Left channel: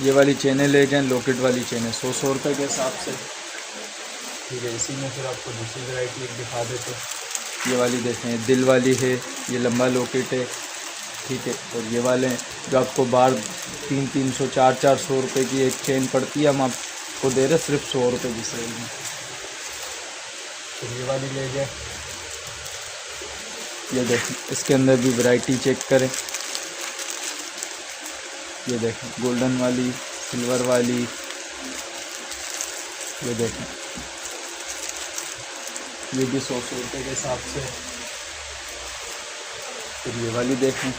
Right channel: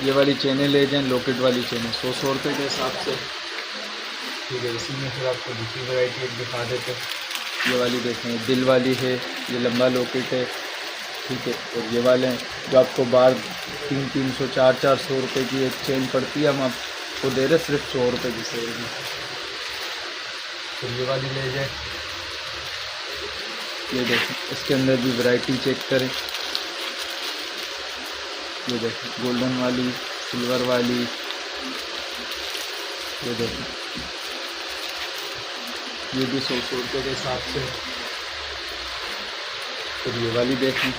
ये वाली चेनें ले जाएं, लॉकेट वाली चेनें 100 रुपये के हिसाब से। ठीक है, इसी में फिर आपको दूसरी वैरायटी एक दिखा देते हैं। ये वाली देखें, दिल वाली है, ये लंबा लॉकेट है। ठीक है, और ये वाले हैं जो आपको बाहर 300 400 रुपये की एक चेन पड़ती है, हम आपको दे रहे सिर्फ 100 रुपये की सेल में। फिर ये वाली ले जाए, ये देखें, इसके अंदर भी वैरायटी चेक करें। ये देखें, गोल्डन वाली, सिल्वर वाली, ये देखें, ये भी 100 रुपये के हिसाब से। फिर ये वाली देखें,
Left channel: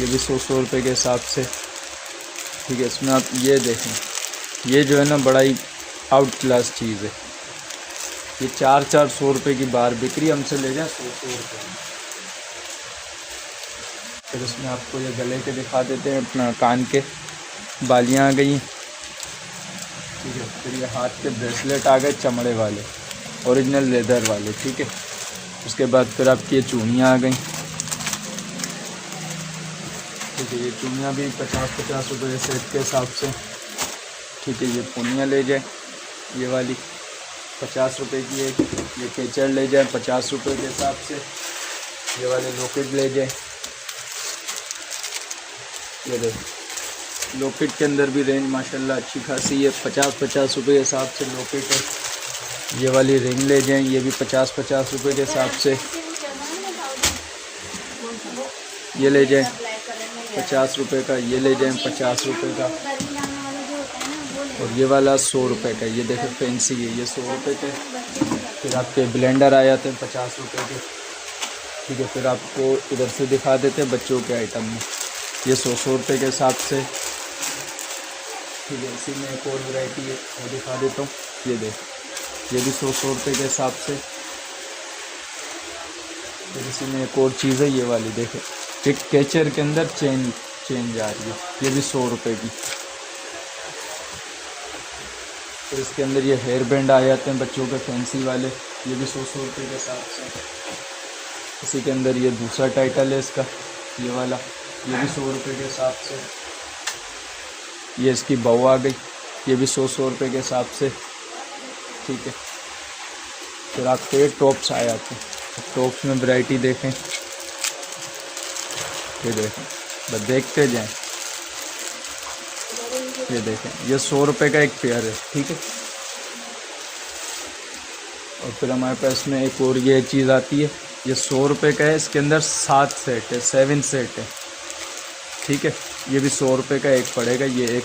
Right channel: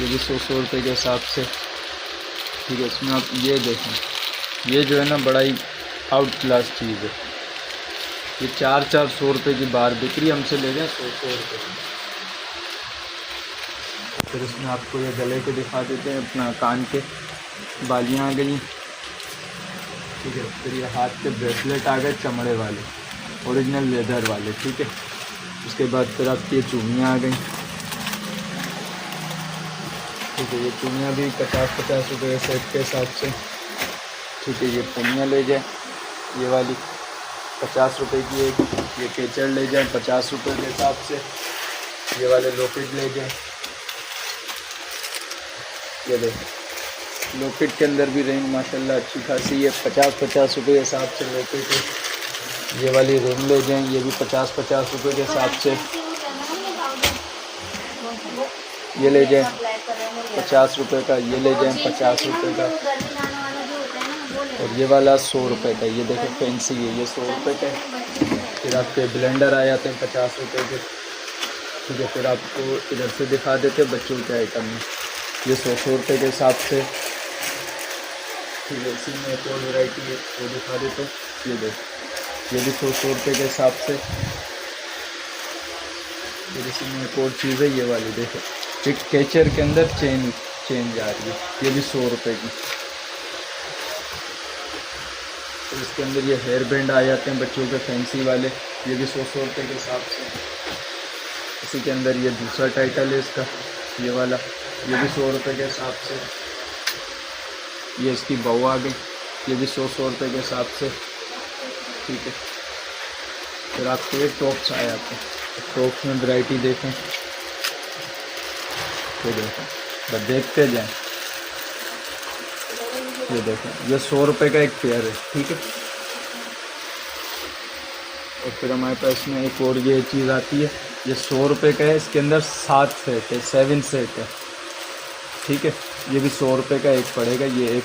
ये भी 100 रुपये के हिसाब से। ठीक है, इसमें आप ये देखें, ये जो है ना बड़ा ही आउट क्लास चीज़ है। ये 400 रुपये की बार बिक रही, हमसे ले रहे हैं 100 रुपये। फिर इसमें आपको ये गले के दिखा देते हैं, अपना कान के बालियाँ आ गई। ठीक है, फिर ये हाथ के ब्रेसलेट आ गए चमड़े वाले, ओरिजिनल लेदर वाले। ठीक है, उसके बाद फिर आपकी ये चूड़ियाँ आ गई। ठीक है, ये पिनियाँ भी 50 रुपये सेट के हिसाब से। ठीक है, ये पिनियाँ ले जाए, ये वाली 50 रुपये की एक। ये केचड़ ले जाए 50 रुपये के हिसाब से। ये वाले लॉकेट ले जाए, ये देखें, लॉकेट के अंदर भी रेंज माशाल्लाह अच्छी खासी है, 50 रुपये के हिसाब से लॉकेट है। ये वाली रिंग ले जाएं, ये भी 50 रुपये के हिसाब से। ये ले जाएं 50 रुपये का, ये ले जाएं 50 रुपये का, और ये वाला 100 रुपये का। ये देखें फैंसी है, ये 100 रुपये का। फिर आपके ब्लेंडर आ जाते हैं 50 रुपये के। ठीक है, फिर आपको इधर से दिखा देते हैं बच्चों के आइटम में, ये 100 रुपये के हिसाब से। ठीक है, इसी में एक और वैरायटी है वो दिखा देता हूँ। ये देख, ये भी 100 रुपये के हिसाब से। इसी में एक और चीज़ है, ये वाली देखें, एक कैचर के अंदर चेन जा रही है, ये भी 100 रुपये की। तो इसके अंदर ये हेयर बैंड आ जाते हैं बच्चों के फैंसी वाले, ये भी 100 रुपये के हिसाब से। इसी के अंदर ये दूसरा टाइटल है इसका, ये वाला, ये भी 100 रुपये के हिसाब से। ये इसकी बहू आ गई, ये भी 100 रुपये के हिसाब से। ठीक है, फिर आपके टॉप्स आ जाते हैं, टॉप्स में वैरायटी देखें, ये देखें, बस देखते जाएं। ये देखें, ये 100 रुपये का एक पेयर है। ठीक है, और फिर हमारे पास में एक और ये चीज़ आती है, ये 100 रुपये का है, इसके अंदर 7 सेट है, 7 सेट है। ठीक है, ये भी 100 रुपये का एक पड़ेगा, ये एक